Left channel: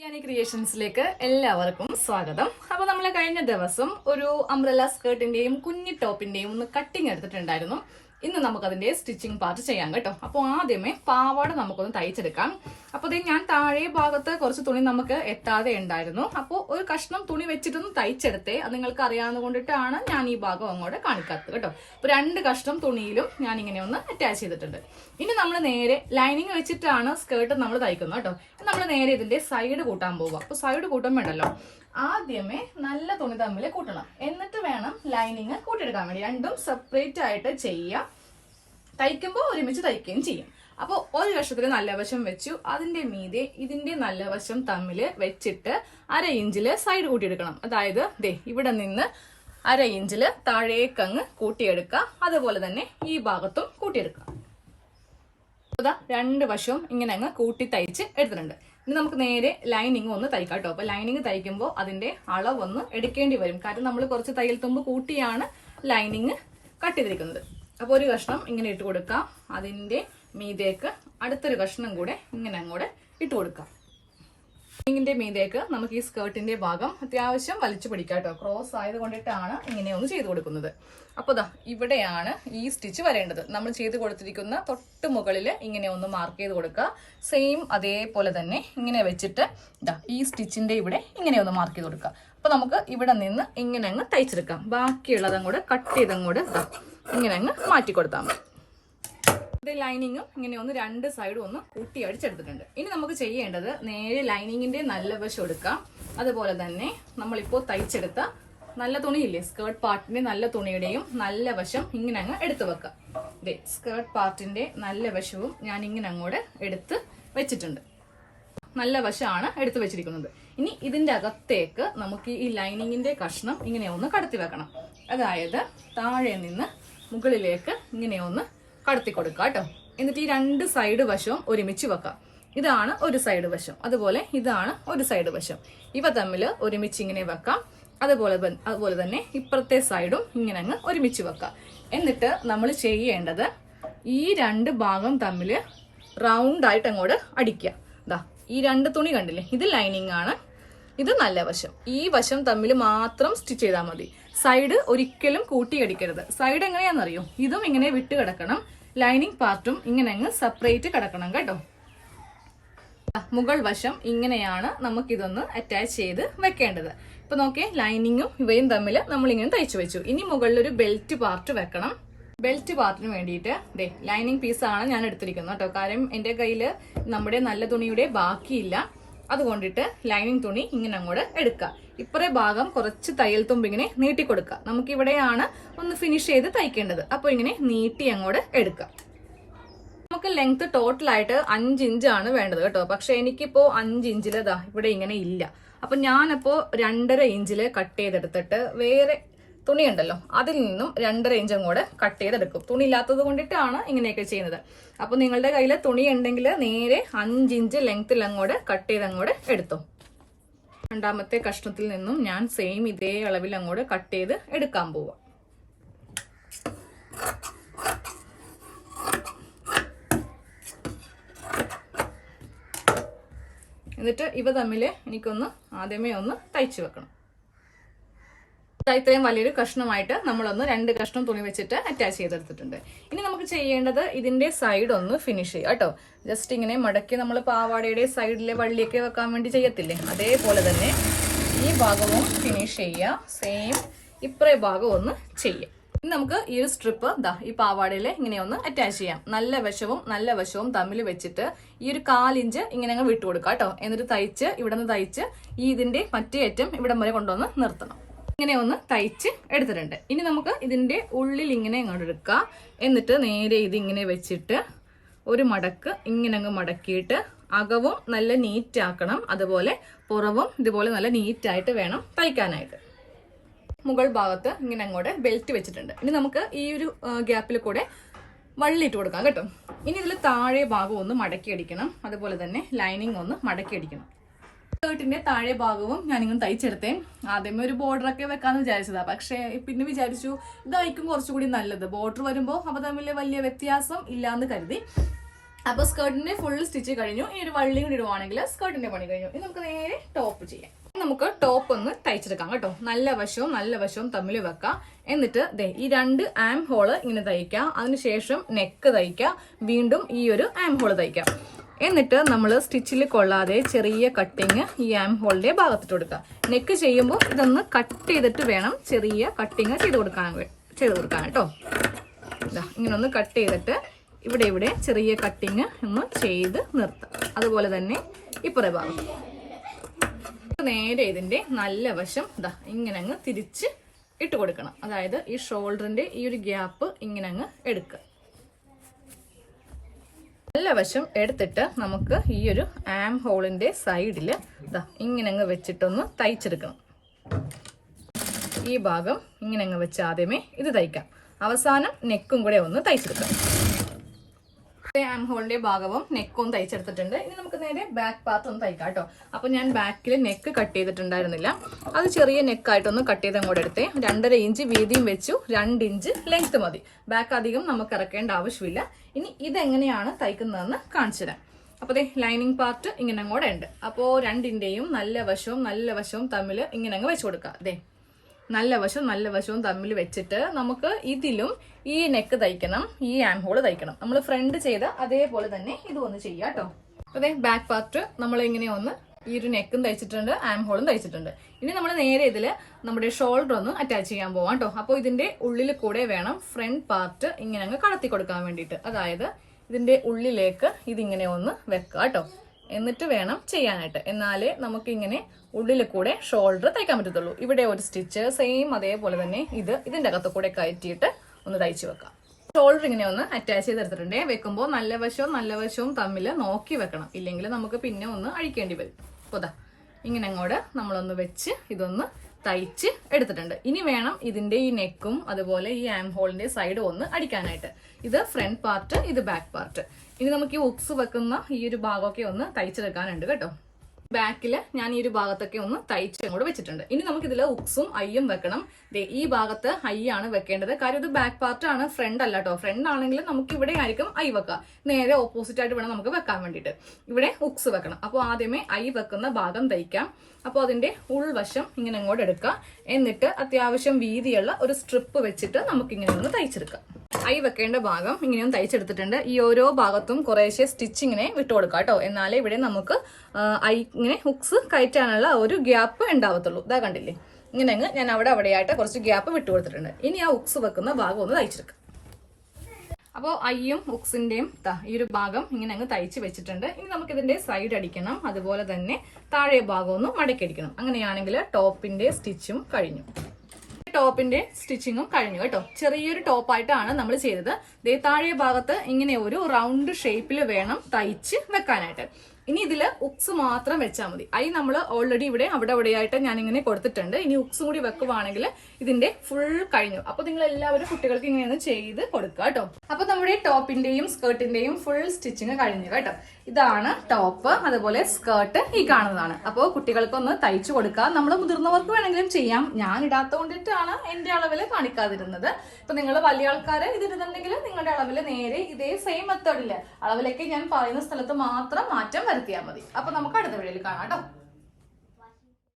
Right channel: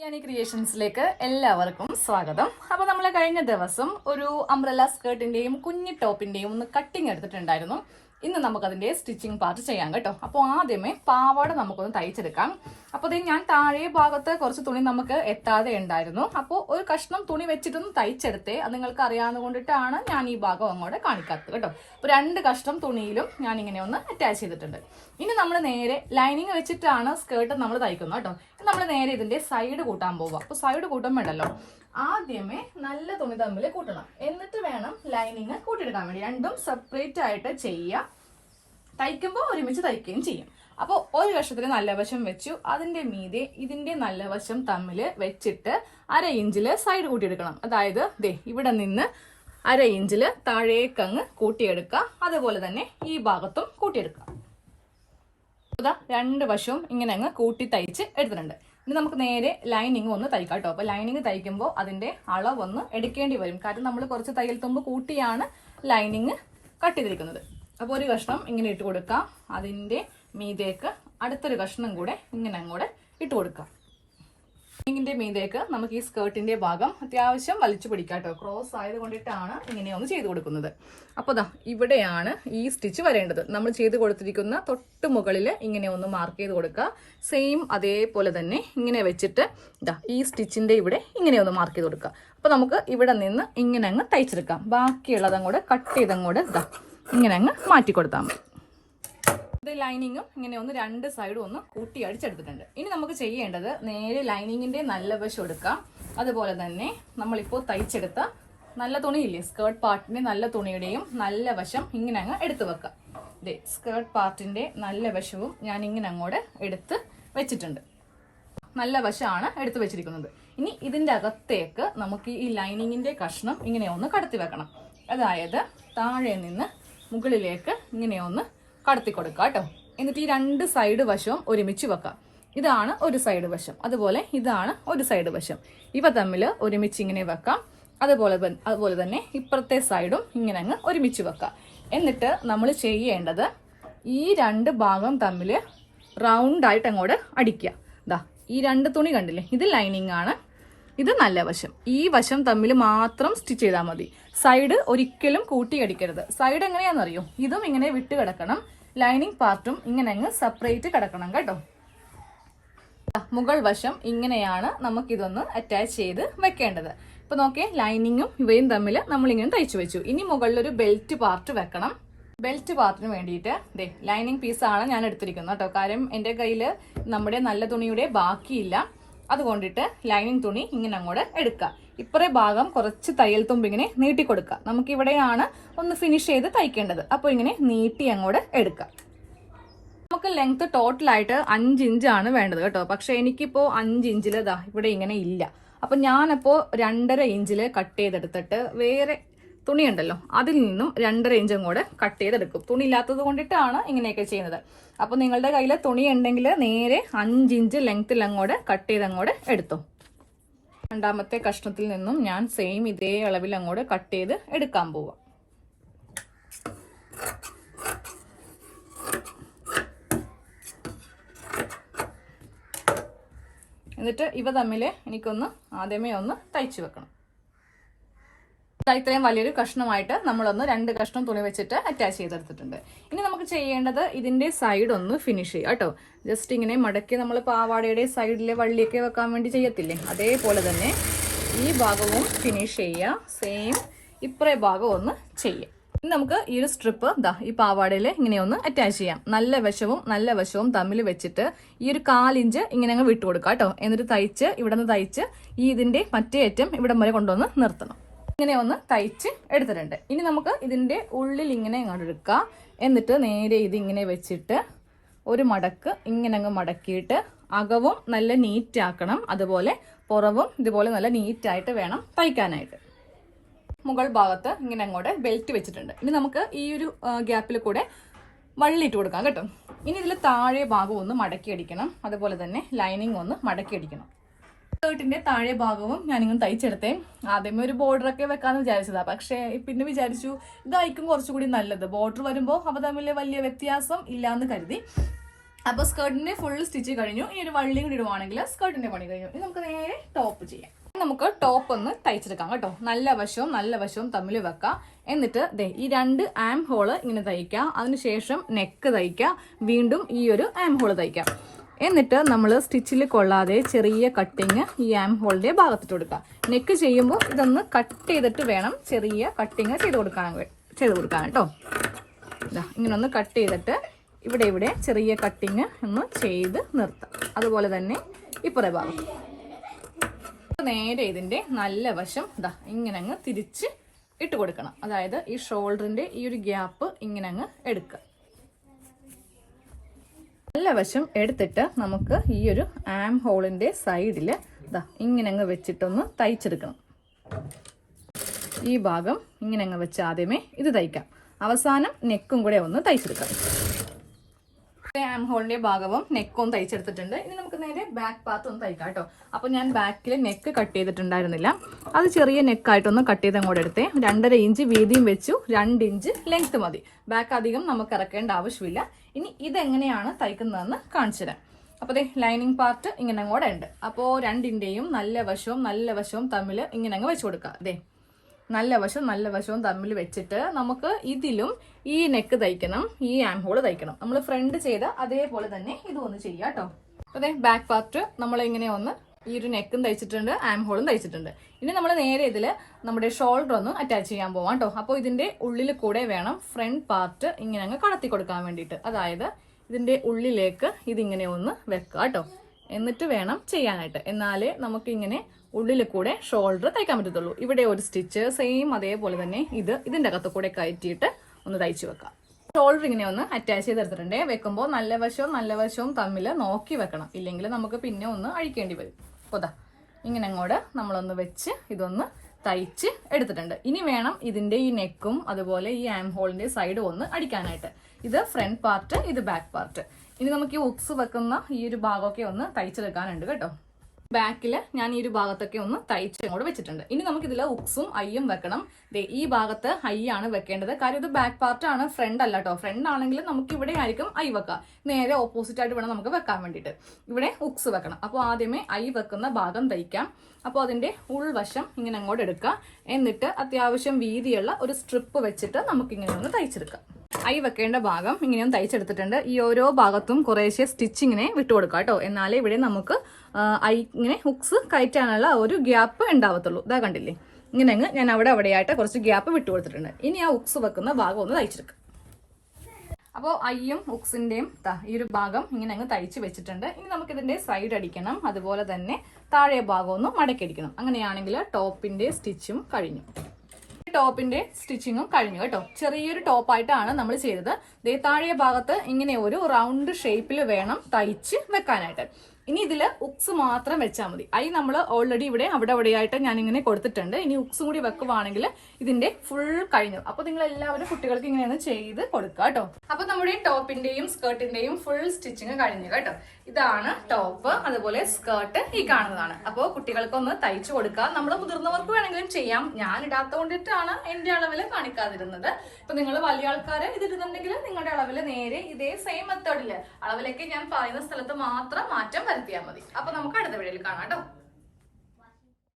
ക്രിയേഷൻസിലേക്ക് എല്ലാവർക്കും സ്വാഗതം. അപ്പോൾ നമ്മൾ കഴിഞ്ഞ ദിവസം ഒരു അംബ്രല്ല സ്കേർട്ടിന്റെയും കുഞ്ഞി ടോപ്പിന്റെയും ഒന്ന് കട്ടിങ് എടുത്തിട്ടുണ്ടായിരുന്നു. ഇന്ന് നമുക്കതിന്റെ സ്റ്റിച്ചിങ് പാർട്ട് ചെയ്യാം കേട്ടോ. അപ്പോൾ ആദ്യമേ പാവാട നമുക്കൊന്ന് തയ്ച്ചെടുക്കാം. അപ്പോൾ ഞാൻ താഴെ ഭാഗത്ത് കുറച്ച് തുണി നമുക്ക് എത്താതെ ഉണ്ടായിരുന്നു. അപ്പോൾ ഒരു കഷ്ണം തുണി വെച്ചിട്ടൊന്ന് തയ്ച്ചെടുത്തേ. അത് നിങ്ങൾക്ക് അറിയാവുന്ന കൊണ്ടിട്ടാണ് ഞാൻ ഈ ഭാഗം അങ്ങോട്ട് കാണിക്കാത്തത് കേട്ടോ. അപ്പോൾ 2 കഷ്ണം തുണിയിലും ഞാൻ ഇങ്ങനെ ഒന്ന് അറ്റാച്ച് ചെയ്തിട്ടുണ്ട്. ഇനി നമ്മൾ നേരെ ലൈനിങ് വെച്ചിട്ടാണ് സ്കേർട്ട് നമ്മൾ തയ്ക്കുന്നത് കേട്ടോ. നമ്മൾ നേരെ ഇതിന്റെ സൈഡ് കൂട്ടാൻ പോവുക. അപ്പോൾ സൈഡ് കൂട്ടാൻ വേണ്ടല്ലോ, ആദ്യമേ നല്ല തുണി തമ്മിൽ കൂട്ടണം. എന്നിട്ട് വേണം ലൈനിങ് കൂട്ടിയെടുക്കാൻ വേണ്ടി. രണ്ടും സെപ്പറേറ്റ് ആയിട്ട് ചെയ്യുക. തയ്ക്കുമ്പോൾ ഒരുമിച്ച് തയ്ക്കുകയും ചെയ്യും. അപ്പോൾ ഒരു കഷ്ണത്തിൽ നല്ല വശം വെച്ചു, അതിന്റെ മീതെ ഇതിന്റെ നല്ല വശം തമ്മിൽ വെച്ചിട്ട് 1/2 ഇഞ്ചില് സൈഡ് കൂട്ടിയെടുക്കണം. അതായത് ഇവിടെ നിന്ന് 1/2 ഇഞ്ചില് താഴേക്കങ്ങ് കൂട്ടിയെടുക്കുക. അതുപോലെ തന്നെ ഈ ഭാഗത്തും കൂട്ടിയെടുക്കുക. 2 വശവും ഇങ്ങനെ അങ്ങ് കൂട്ടി തയ്ച്ച് എടുത്തിട്ടുണ്ട്. ഇനി നമുക്ക് നേരെ ലൈനിങ് ഒന്ന് തയ്ക്കാം കേട്ടോ. അപ്പൊ ലൈനിങ് തയ്ക്കുമ്പോൾ അതിന്റെ അളവൊന്ന് എടുക്കേണ്ടി വരും. കാരണം നമ്മൾ കുറച്ച് തയ്യൽ തുമ്പ് കൂട്ടിയാണ് ലൈനിങ് കട്ട് ചെയ്തിരിക്കുന്നത്. അപ്പോൾ ഒരു കഷ്ണം ഇങ്ങനെ ഇട്ട് കൊടുക്കാം. അതിന്റെ മീതേക്ക് അടുത്തൊരു കഷ്ണം കൂടെ ഇങ്ങനെ അങ്ങോട്ട് ഇട്ട് കൊടുക്കാം. ലൈനിങ്ങിന്റെ മീതേക്ക് നമുക്ക് ഈ സ്കേർട്ടിന്റെ ഭാഗം അത്യാവശ്യം വലിച്ചു പിടിക്കാം കേട്ടോ. ക്രോസ് ആയത് കൊണ്ടിട്ടാണ് ഇങ്ങനെ ഒന്ന് ചെയ്ത് കൊടുക്കുന്നത്. അപ്പോൾ ഇവിടെയാണ് ഈ സ്റ്റിച്ച് വരേണ്ടത്. നമ്മൾ ചെയ്ത് കൊടുത്തിരിക്കുന്ന തൊട്ട് മുകളിൽ ഇങ്ങനെ ഒന്ന് മാർക്ക് ചെയ്ത് കൊടുക്കുക. സെയിം അതേപോലെ തന്നെ ഇങ്ങനെ വെച്ചിട്ട് ഈ സ്റ്റിച്ചിന്റെ ഇവിടെ ഇങ്ങനെ ഒന്ന് മാർക്ക് ചെയ്ത് കൊടുക്കുക. അപ്പോൾ നമുക്ക് ഇവിടെ നിന്ന് ഇങ്ങനെ അങ്ങ് തയ്ച്ചെടുക്കാം. ബാക്കിയുള്ളത് അങ്ങോട്ട് കട്ട് ചെയ്തങ്ങോട്ട് ഇങ്ങനെ അങ്ങ് മാറ്റി കൊടുത്താൽ മതി. ഇത് ലൈനിങ്ങും ഇങ്ങനെ ഒന്ന് 2 സൈഡും ഒന്ന് കൂട്ടി അടിച്ചെടുത്തിട്ടുണ്ട്. ഇനി നമുക്ക് ചെയ്യേണ്ടത് നേരെ ലൈനിങ്ങിന്റെ നല്ല വശം എടുക്കാം. അതുപോലെ തന്നെ നമ്മളിപ്പോൾ തയ്ച്ചെടുത്ത നല്ല തുണിയില്ലേ, സ്കേർട്ട് പാർട്ടിന്റെ നല്ല തുണിയുടെയും നല്ല വശം ഇങ്ങനെ അങ്ങ് എടുത്തു വെക്കാം. സ്കേർട്ട് പാർട്ടിന്റെ നല്ല വശവും ഞാൻ ഇങ്ങനെ അങ്ങോട്ട് എടുത്ത് വെച്ചിട്ടുണ്ട്. നല്ല വശമാണ് എടുത്തു വെച്ചിരിക്കുന്നത്. ഇനി ഇതിന്റെ അകത്തേക്ക് നമുക്ക് ഈ ലൈനിങ്ങിന്റെ കഷ്ണം ഇങ്ങനെ ഒന്ന് കടത്തി വെക്കണം. അതായത് താഴെ നിന്ന് മുകളിലേക്ക് ഇങ്ങനെ ഒന്ന് കടത്തി കൊടുക്കുക കേട്ടോ. എന്നിട്ട് ഈ 2 സൈഡ് വശവും ഒരുമിച്ച് വെക്കാം. ഇതാണ് ഒരു സൈഡ് വശം, അതുപോലെ ഇതാണ് ഒരു സൈഡ് വശം. ഇവ തമ്മിൽ ഒരുമിച്ച് ഇങ്ങനെ വെക്കാം. അതുപോലെ തന്നെ ഇപ്പുറത്തെ സൈഡും ഇങ്ങനെ അങ്ങ് ഒരുമിച്ച് വെക്കാം. എന്നിട്ട് നമ്മൾ ചെയ്യേണ്ടത് ഈ 2 ഭാഗം തമ്മിൽ റൗണ്ട് ആയിട്ട് അങ്ങോട്ട് അടിക്കുക. ഈ 2 തുണി കണ്ടില്ലേ, ഇത് ലൈനിങ് ആണ്, ഇത് നല്ല വശം. ഈ വശം തമ്മിൽ മാത്രം സ്റ്റിച്ച് ചെയ്താൽ മതി. സൈഡ് ഒരിക്കലും കൂട്ടി അടിക്കരുത്. സൈഡ് എങ്ങനെയാണെന്നറിയോ, ഇതും ഇങ്ങനെ വിട്ട് കിടക്കണം, ലൈനിങ് പാർട്ടും ഇങ്ങനെ അങ്ങ് സെപ്പറേറ്റ് കിടക്കണം കേട്ടോ. മുകൾ വശം ഇങ്ങനെയാണ് നമുക്കിതൊന്ന് അറ്റാച്ച് ചെയ്ത് വെക്കേണ്ടത്. ഇപ്പൊ നോക്കിയേ, ലൈനിങ്ങും ഇവയും തമ്മിൽ നമ്മളിങ്ങനെ തയ്ച്ചു വെച്ചു. ഇനി മുകളിലൊരു ബെൽറ്റ് പാർട്ട് വെക്കണം. ബെൽറ്റ് പാർട്ടിന് വേണ്ടിയിട്ട് ലൈനിങ് പീസാണ് ഞാൻ എടുത്തിരിക്കുന്നത് കേട്ടോ. കാര്യം എൻ്റെ കയ്യിൽ നമ്മുടെ നല്ല തുണിയുടെ ബാക്കിയില്ല. അതുകൊണ്ടിട്ട് ലൈനിങ് തുണി ഇങ്ങനെ അങ്ങോട്ട് എടുക്കുക. ഇപ്പറേ ഭാഗം കുറച്ച് തയ്യൽ തുമ്പ് ഇങ്ങനെ നീട്ടി കൊടുക്കുക. നമുക്ക് ഇവിടെയാണ് ഒന്ന് ഫിനിഷ് ചെയ്ത് തയ്ക്കേണ്ടത്. അപ്പോൾ ഇങ്ങനെ നീട്ടി അങ്ങോട്ട് എടുക്കുക. നമുക്ക് ലെങ്ത് ടോട്ടലായിട്ട് 5 ഇഞ്ചാണ് വേണ്ടത് കേട്ടോ. പക്ഷെ എനിക്കിപ്പോ 5 ഇഞ്ചില് ഇവിടെ ഇങ്ങനെ ഇല്ല. അപ്പൊ ഞാനപ്പോ 2.5 ഇഞ്ചില് കട്ട് ചെയ്തെടുത്തിട്ട് വേറെ തുണി ഉണ്ടല്ലോ, അതിൽ നിന്നും 2.5 ഇഞ്ച് അങ്ങോട്ട് കട്ട് ചെയ്തെടുക്കും. തുണി ഇല്ലാത്തത് കൊണ്ടിട്ടാണ് ഇങ്ങനെയൊക്കെ ചെയ്യുന്നത്. അപ്പൊ നിങ്ങളുടെ കയ്യിൽ തുണി ഉണ്ടെങ്കിൽ നേരെ 5 ഇഞ്ച് ലെങ്ത്തിൽ അങ്ങോട്ട് കട്ട് ചെയ്ത് അങ്ങോട്ട് എടുത്തു. രണ്ടാമത്തെ കഷ്ണത്തിൽ നിന്നും ഞാൻ സെയിം ഇതേ അളവിൽ അങ്ങോട്ട് കട്ട് ചെയ്ത് എടുക്കാൻ പോവാം. എന്നിട്ട് ഇവ തമ്മിൽ എനിക്കൊന്ന് ആദ്യമേ ഒന്ന് തയ്ച്ചു വെക്കണം. ഇത്രയും വലിയൊരു കഷ്ണമായിട്ട് നമ്മളൊന്ന് 2 കഷ്ണം തുണി വെച്ചിട്ട് അറ്റാച്ച് ചെയ്തെടുത്തിട്ടുണ്ട്. ഇനി നമുക്ക് ചെയ്യേണ്ടത് ഇതിന്റെ സൈഡ് ഒന്ന് ഫിനിഷ് ചെയ്യുക കേട്ടോ. ജസ്റ്റ് ഇങ്ങനെ മടക്കി നമ്മൾ പാവാടയുടെ സൈഡിലെ വള്ളിയൊക്കെ വെക്കാൻ വേണ്ടി ചെയ്യത്തില്ലേ, അതേപോലെ തന്നെ ഈ ഭാഗവും ഫിനിഷ് ചെയ്യുക. സെയിം ഇപ്പറേ ഭാഗം ഒന്ന് ചെയ്യുക. ഇനി നമുക്ക് ഈ ഒരു സ്ട്രിപ്പ് ഈ പാവാടയിൽ ഇങ്ങനെ ഒന്ന് അറ്റാച്ച് ചെയ്യാം. നല്ല വശവും തമ്മിൽ വെച്ചിട്ട് ഈ ഒരു 1/4 ഇഞ്ച് ഇങ്ങനെ അങ്ങ് വിട്ടു കൊടുക്കാം കേട്ടോ. എന്നിട്ട് തയ്ച്ച് ഇവിടെ നിന്ന് തയ്ച്ച് ഈ ഇതിന്റെ മറ്റേ അറ്റം ഇവിടം വരെ കൊണ്ടുവന്ന് നിർത്തണം. ഇങ്ങനെ ഒന്ന് തയ്ച്ച് എടുത്തിട്ടുണ്ട്. ഇനി നമുക്ക് ഇതിന്റെ ഉള്ളിൽ ഇങ്ങനെ അങ്ങോട്ട് എടുക്കാം. എന്നിട്ട് നേരെ ഇതിങ്ങനെ വെച്ചിട്ട് ഒരു മടക്ക് ഇങ്ങനെ അങ്ങ് മടക്കിയിട്ട് അകവും നല്ല നീറ്റ് ആക്കണം. അതുപോലെ പുറവും ഇതുപോലെ നല്ല നീറ്റായിട്ട് വേണം തയ്ക്കാനായിട്ട്. മുകൾ ഭാഗത്ത് ഇങ്ങനെ അങ്ങോട്ട് ബെൽറ്റ് വെച്ചിട്ടുണ്ട്. ഇനി നമുക്ക് ഈ ഒരു ഗ്യാപ്പിൽ കൂടെ വള്ളിയിട്ട് കൊടുക്കാം കേട്ടോ. ഇനി ഇതിൽ താഴെ ഭാഗം ഒന്ന് മടക്കി അടിക്കണം. അതുപോലെ തന്നെ ലൈനിങ് ഒന്ന് മടക്കി അടിക്കണം. സ്കേർട്ടിന്റെ താഴെ ഭാഗവും ഞാനിങ്ങനെ തയ്ച്ചെടുത്തേ. ആദ്യമേ ഒരു ബോർഡറൊക്കെ വെക്കാന്ന് വിചാരിച്ചതാ. പക്ഷെ പിന്നെ വിചാരിച്ചു ഇതായിരിക്കും കുറച്ചുകൂടി നല്ലത്. ബോർഡർ വരുമ്പോൾ അവ തമ്മിൽ വലിയ വ്യത്യാസം ഇല്ലാന്ന് കരുതി അപ്പൊ സ്കേർട്ടിന്റെ ഫുൾ സ്റ്റിച്ച് കഴിഞ്ഞു. ഈ ഒരു വള്ളി കൂടി ഇടുവാണെങ്കിൽ സ്കേർട്ടിന്റെ പണി കഴിഞ്ഞു. ഇനി നമുക്ക് നേരെ ടോപ്പ് ചെയ്യാം. നമുക്ക് ടോപ്പ് ഒന്ന് തയ്ച്ചെടുക്കാം കേട്ടോ. നല്ല വശവും തമ്മിൽ വെക്കാം. എന്നിട്ട് ഈ 2 ആം ഹോള് ഇങ്ങനെ തയ്ക്കാം. അതിനുശേഷം നെക്ക് തയ്ക്കാം. വീണ്ടും ഈ ഒരു ആം ഹോള് തയ്ക്കാം. എന്നിട്ട് നമ്മൾ സ്റ്റിച്ചിൽ കൊള്ളാതെ ചെറിയ കട്ടിങ് ഈ ആം ഹോളിന്റെ ഭാഗത്തിട്ട് കൊടുക്കാം. നെക്ക് ചെയ്യുമ്പോൾ ഇതൊന്ന് കട്ട് ചെയ്തിട്ട് വേണം ചെറിയ കട്ടിങ് ചെയ്ത് കൊടുക്കാൻ കേട്ടോ. ഇങ്ങനെ ഒന്ന് കട്ട് ചെയ്തിട്ട് ഇവിടെ ചെറിയ കട്ടിങ് ഒന്ന് ചെയ്ത് നിർത്താം. അതുപോലെ തന്നെ ഇപ്പുറേ ഭാഗം നേരെ ഇതിന്റെ നല്ല വശം ഇങ്ങനെ അങ്ങ് തിരിച്ച് ഇട്ട് കൊടുക്കണം. അതായത് ഈ ഷോൾഡറിന്റെ ഈ ഒരു ഗ്യാപ്പ് ഇങ്ങനെ അങ്ങ് എടുക്കുക. നല്ല വശം എടുത്തിട്ട് നമുക്ക് ഈ ഒരു ആം ഹോളിന്റെ സൈഡില് ഇങ്ങനെ അങ്ങ് വെച്ചിട്ടൊന്ന് തയ്ച്ചെടുക്കണം. ഈ ഭാഗം ഇങ്ങനെ അങ്ങ് വെച്ച് ആദ്യമേ ഇത് തയ്ക്കാം. അവസാനം നെക്കും കൂടെ ഒന്ന് തയ്ച്ചെടുക്കാം. ആം ഹോളിന്റെ ഭാഗവും നെക്കും തയ്ച്ചെടുത്തിട്ടുണ്ട്. ഇനി നമുക്ക് നേരെ ബാക്ക് പാർട്ട് ഒന്ന് തയ്ക്കാം കേട്ടോ. അപ്പൊ ഞാൻ ബാക്കിൽ നെക്ക് കട്ട് ചെയ്തിട്ടുണ്ടായിരുന്നില്ല. അത് ചെറിയ നെക്കായിട്ടൊന്ന് കട്ട് ചെയ്ത് അങ്ങോട്ട് എടുത്തേ. 2.5 ഇഞ്ച് വീതിയും വെച്ചു, 2 ഇഞ്ച് ലെങ്ത് മതി. ബാക്ക് അധികം നമുക്ക് ഇറക്കേണ്ട ആവശ്യമില്ല. ഇനി ഇതെങ്ങനെയാണ് തയ്ക്കുന്നതെന്ന് കാണിച്ചു തരാം. അപ്പൊ ലൈനിങ് പാർട്ട് ഇങ്ങനെ അങ്ങോട്ട് ഉണ്ട്. അപ്പോൾ രണ്ടിന്റെയും നല്ല വശവും തമ്മിൽ ഇങ്ങനെ അങ്ങ് വെച്ച് കൊടുക്കുക. നല്ല വശവും തമ്മിൽ വെച്ചിട്ട് നമുക്ക് ഇതിലും ഈ നെക്ക് തയ്ക്കണം, ഈ ആം ഹോള് തയ്ക്കണം. നമ്മൾ ഫ്രണ്ട് ചെയ്ത അതേപോലെ തന്നെ ഇതും ഒന്ന് ചെയ്യാം കേട്ടോ. അതെ ബാക്ക് പാർട്ട് നമ്മൾ ഇങ്ങനെ ഒന്ന് ഈ ഒരു നെക്കും തയ്ച്ചിട്ടുണ്ട്, ആം ഹോളും തയ്ച്ചിട്ടുണ്ട്. ഇനി നമ്മൾ നേരെ ഇതില് നമ്മുടെ ഷോൾഡർ ഒന്ന് അറ്റാച്ച് ചെയ്യാൻ പോവാം കേട്ടോ. അപ്പോൾ ഇതിന്റെ ഉള്ളിൽ കൂടെ വേണം ഫ്രണ്ട് പാർട്ട് ഇങ്ങനെ അങ്ങ് കടത്തി കൊടുക്കാൻ വേണ്ടിയിട്ട്. അതായത് ഇതിന്റെ ഉള്ളിലേക്ക് ഇതിങ്ങനെ ഒന്ന് വെക്കുക കേട്ടോ. എന്നിട്ട് വേണം ചെയ്യാനായിട്ട്. എന്നാലേ നമുക്ക് ഇങ്ങനെ ഉള്ളിൽ കൂടെ ഷോൾഡർ തയ്ക്കാൻ പറ്റത്തുള്ളൂ. ഇവിടെ ഒരു സ്റ്റിച്ച് സെയിം അതേപോലെ തന്നെ ഇതിന്റെ അകത്ത് കൂടെ കയറ്റിയിട്ട് ഒന്ന് തയ്ച്ചു വെക്കാം. ഷോൾഡർ ഇങ്ങനെ ഒന്ന് അറ്റാച്ച് ചെയ്തെടുത്തിട്ടുണ്ട്. വെക്കുമ്പോൾ നല്ല വശവും തമ്മിൽ നോക്കി വെക്കണം. ഇല്ലെങ്കിൽ നമുക്ക് പിന്നെ ഒന്ന് അഴിക്കേണ്ടി വരും. അപ്പോൾ ഇങ്ങനെ അങ്ങോട്ട് നമ്മളൊന്ന് വെച്ച് ഇതൊന്ന് തയ്ച്ച് എടുത്തിട്ടുണ്ട്. ഇനി വേണം ഇതിന്റെ ഈ നെക്കും അതുപോലെ ഈ ആം ഹോളിന്റെ സൈഡും ഒന്ന് അടിക്കാനായിട്ട്. ഇത് ഫ്രണ്ട് പാർട്ട്, ഇത് ബാക്ക് പാർട്ട്. ഇനി നമുക്ക് ഈ ഉക്സ് വെക്കുന്ന ഈ ഒരു ഭാഗമൊക്കെ ഒന്ന് തയ്ച്ചെടുക്കാനുണ്ട് കേട്ടോ. ബാക്കിൽ ഞാൻ ഈ ഒരു ഭാഗത്തൊക്കെ ഒന്ന് തയ്ച്ച് അങ്ങോട്ട് വെച്ചിട്ടുണ്ട്. ഇനി നമുക്ക് ഇതിൽ ഉക്സും ഐയും വെക്കണം. ഈ ഭാഗത്ത് ഐ ആണ് വെക്കേണ്ടത്. കാര്യം ഇത് ബാക്ക് പാർട്ട് ആണ്, ഫ്രണ്ട് അല്ല കേട്ടോ. ഫ്രണ്ട് ആണെങ്കിൽ നമുക്ക് ഇവിടെ ആയിരിക്കും ഐ വെക്കാം. നേരെ ഓപ്പോസിറ്റ് ആയിട്ട് വേണം നമുക്ക് വെക്കാൻ വേണ്ടിയിട്ട്. ഇവിടെ ഉക്സ് വെക്കണം. അപ്പോൾ ആദ്യമേ ഐ വെക്കുന്ന ഭാഗം തയ്ക്കാം. അപ്പോൾ അതിന്റെ ഉൾവശം ഇങ്ങനെ അങ്ങോട്ട് എടുക്കുക. എന്നിട്ട് അത്യാവശ്യം വീതിയുള്ള ഒരു സ്ട്രിപ്പ് വെച്ചിട്ട് നമുക്ക് ഇങ്ങനെ ഒന്ന് തയ്ച്ചെടുക്കാം. ഐ വെക്കേണ്ട ഭാഗം ഇങ്ങനെയൊന്ന് തയ്ച്ചെടുത്തിട്ടുണ്ട്. ഈ ഓരോ ഭാഗത്തും കുറേശ്ശെ സ്റ്റിച്ചിങ്ങിനെ വിട്ടുകൊടുക്കാം കേട്ടോ. എന്നാലേ ഇവിടെ നമുക്ക് ഐ ഇങ്ങനെ ഹുക്സ് കയറ്റാനുള്ള ഒരു ഗ്യാപ്പ് ഉണ്ടാവത്തുള്ളൂ. ഇതാ കണ്ടില്ലേ, ഇങ്ങനെ അങ്ങ് ഞാൻ അവിടെയായിട്ട് കുറച്ച് ഗ്യാപ്പ് വിട്ടുകൊടുത്തിട്ടുണ്ട്. ഇനി ആ ഹുക്സ് വെക്കുന്ന ഭാഗം ഒന്ന് തയ്ച്ചെടുക്കാം. അപ്പോൾ ഐയും ഹുക്സിന്റെയും ഈ ഒരു ഭാഗം ഇങ്ങനെ അങ്ങ് തയ്ച്ച് വെച്ചിട്ടുണ്ട്. ഇനി നമുക്ക് ഇതിന്റെ സൈഡ് അടിക്കണം. അതുപോലെ തന്നെ താഴെ ഭാഗം ഒന്ന് മടക്കി അടിക്കണം. അങ്ങനെയാണെങ്കിൽ ടോപ്പിന്റെ സ്റ്റിച്ചും കഴിഞ്ഞു. ടോപ്പിന്റെ സ്റ്റിച്ചിങ്ങും കഴിഞ്ഞു കേട്ടോ. ചെറിയൊരു ടോപ്പായിട്ടാണ് നമ്മൾ ചെയ്തത്. താഴെ ഭാഗത്ത് ഇങ്ങനെ ഒരു റൗണ്ട് ഷേപ്പിൽ വേണം തയ്ച്ച് വെക്കാനായിട്ട്. ഇനി ഇതിൽ ഉക്സ് മാത്രം വെച്ചാൽ മതി. ഐ നമ്മൾ ഓൾറെഡി ഇവിടെ അവിടെയായിട്ട് ഞാൻ ഇങ്ങനെ കൊടുത്തിട്ടുണ്ട്. ഇനി ഉക്സും കൂടി വെക്കുവാണെങ്കിൽ ഇതിന്റെ ഫുൾ കഴിഞ്ഞു. അപ്പൊ നിങ്ങൾ എല്ലാവരും കുട്ടികൾക്ക് ഇങ്ങനെയൊന്ന് ചെയ്ത് കൊടുക്കുക കേട്ടോ. അപ്പൊ നമ്മുടെ ടോപ്പിന്റെയും സ്കേർട്ടിന്റെയും ഫുൾ സ്റ്റിച്ചിങ് കഴിഞ്ഞു കേട്ടോ. ഇതാണ് ടോപ്പ്, അതുപോലെ സ്കേർട്ട് ഈ കാണുന്നതാണ്. അപ്പോൾ കുട്ടികൾക്കൊന്ന് തയ്ച്ചു കൊടുക്കുക. നമ്മൾ മുതിർന്നവർക്ക് വേണമെങ്കിലും ചെയ്യാം. ഞാൻ ഇടാത്ത കൊണ്ടിട്ടാണ് എന്റെ അളവിൽ കാണിക്കാതിരുന്നത്. ഇപ്പൊ നിങ്ങൾ വലിയ ആൾക്കാരെ ഇതിടുന്നുണ്ടെങ്കിൽ നിങ്ങളുടെ അളവിൽ നേരെ ഇതേ സെയിം മെത്തേഡില് അളവിലേക്ക് ഞാൻ പറയുന്ന സ്ഥലത്ത് മാത്രം മാറ്റം വരുത്തിയാൽ മതി. അപ്പൊ നമുക്ക് അടുത്ത വീഡിയോയിൽ കാണാം കേട്ടോ.